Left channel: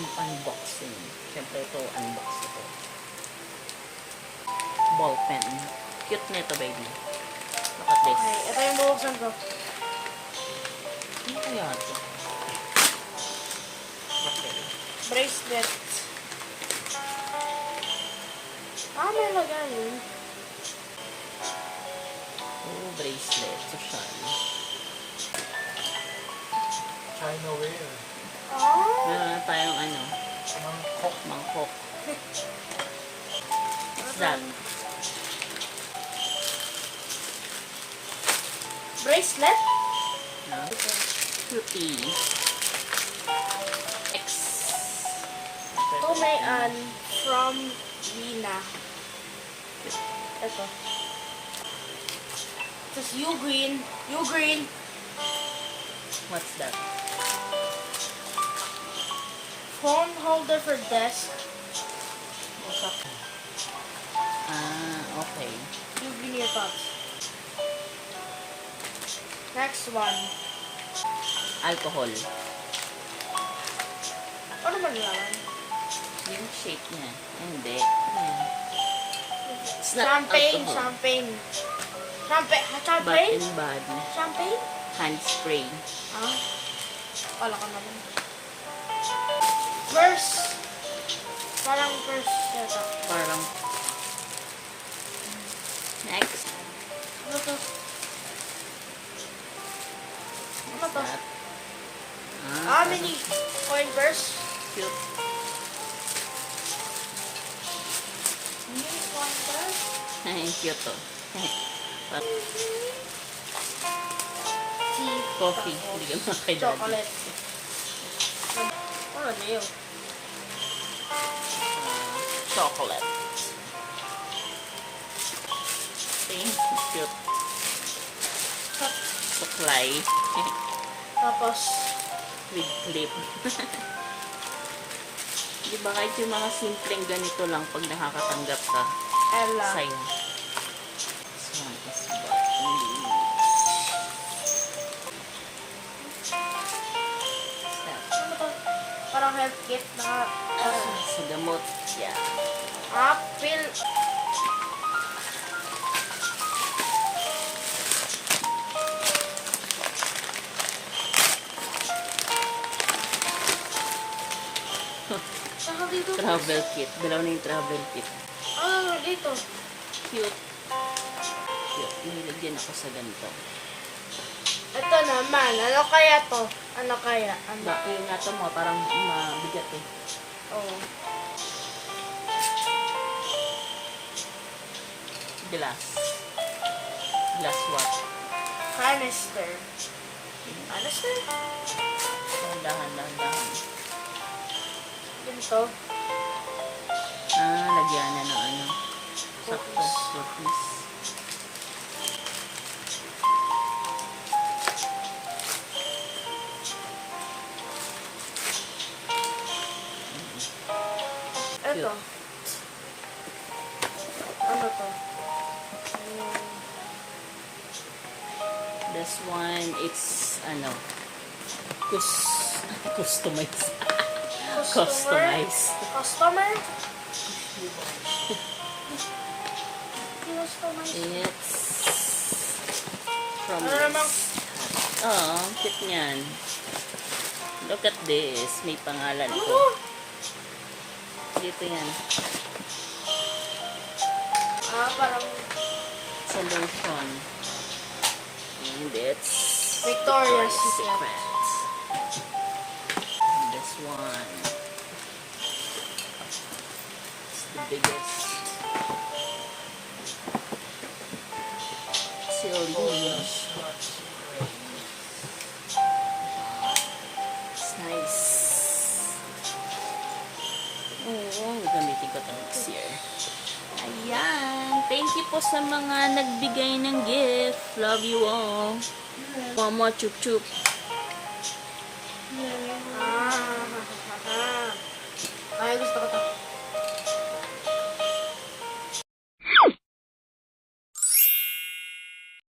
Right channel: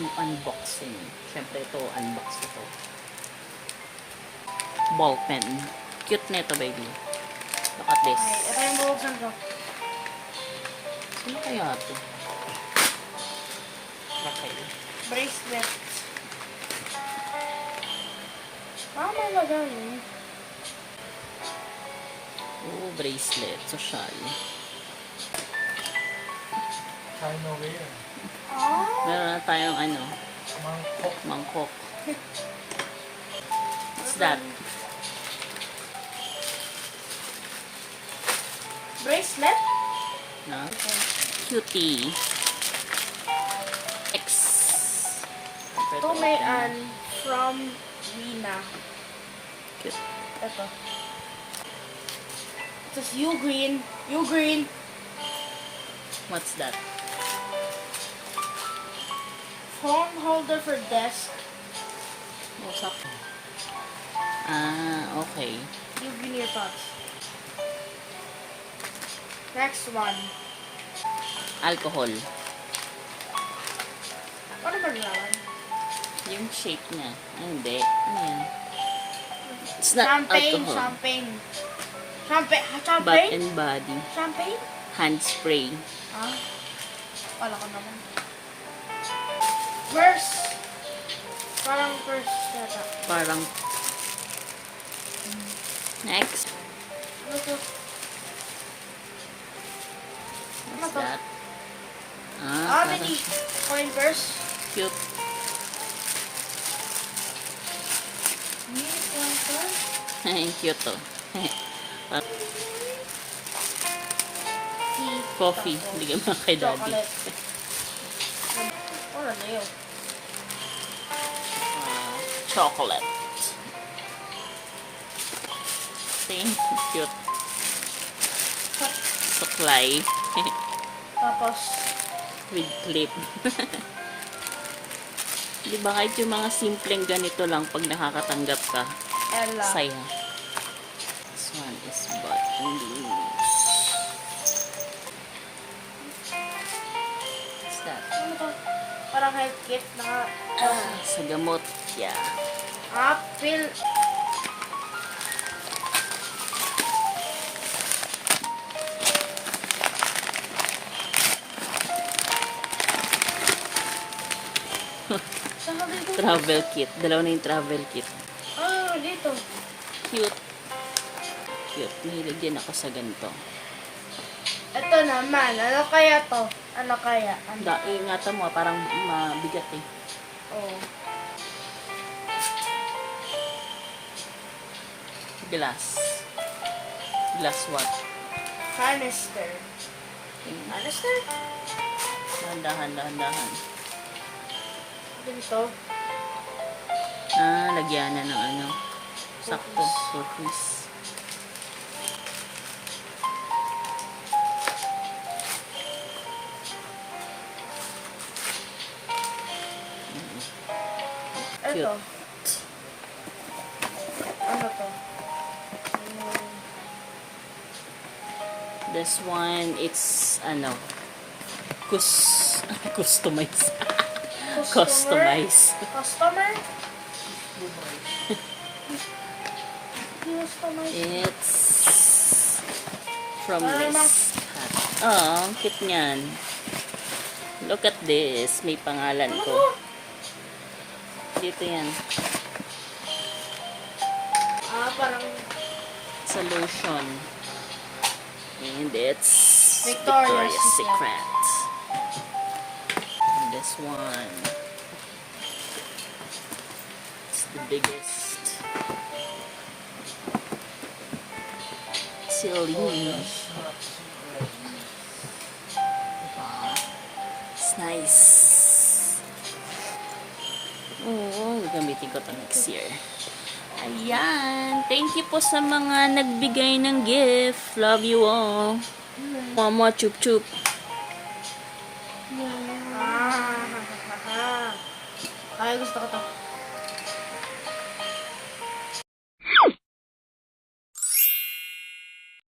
do unboxing. Siyempre ito, unbox ito. Ball pen. Cute na ito, baby. Look at this. Okay, ito yung bubuksan ko. Ano kaya ito? Okay. Bracelet. May lagay. Oh, bracelet. Social. China ware. Oh. Meron na tayong ano? Mangkok. Mangkok. What's that? Bracelet? No? Cutie. X. Ito may from Rina. Cute. Ito. It says you green. You green. What's that? Phone holder for desk. What's up? Ah, okay. You green earpods. Next one. Alcohol. Ano maglawan? Yung shape niya. Hindi. Ano yan? It's not Champagne. alcohol. Champagne. Champagne. Bath Champagne? and body. Champagne? Hand spray. Ah. Wala ka naman. Purse. Parang purse yata. Parang. Next. Ano to? Ano What's to? that? Ah, mini. Coin purse. Cute. Mini coin purse. Cute to. Tea. Coffee. Tapos, Bigyan mo kay daddy. chocolate. Ano na yun? Chocolate. See? Cute. Suklay. Tapos, With clip. Di ba kahit yung mga simpleng ganito lang pag nakakatanggap ka, Ella. sign. This one is buttons. What's that? Ano to? Parang health kit. Sa gamot. Yeah. Pill. Saan dito? Travel kit. Dalawa na yung travel kit. Ah, dito. Cute. Cute. Mahilig din ako sa ganito. Ito naman. Ano kaya to? Ano kaya? Ano? Ingatan mo, parang mabigat eh. Oh. Glass. Glass what? Canister. Canister? Dahan-dahan. Ganito. Lagyanan ng ano. Sakto. Cookies. Ito. Ano to? This one, it's, customize. Customize. Customer? Customize. It's from Ano naman? this. Oh, ang cute niyan. Look at this. May pangalan ko. Ano? Dito yan. Parang Solution. And it's Victoria's Secret. And this one. It's the biggest. Celine. It's nice. Oo, gamitin ko ito next year. Ayan. Thank you po sa mga nagbigay ng gift. Love you all. Mama, chup chup. Ay, gusto ko to.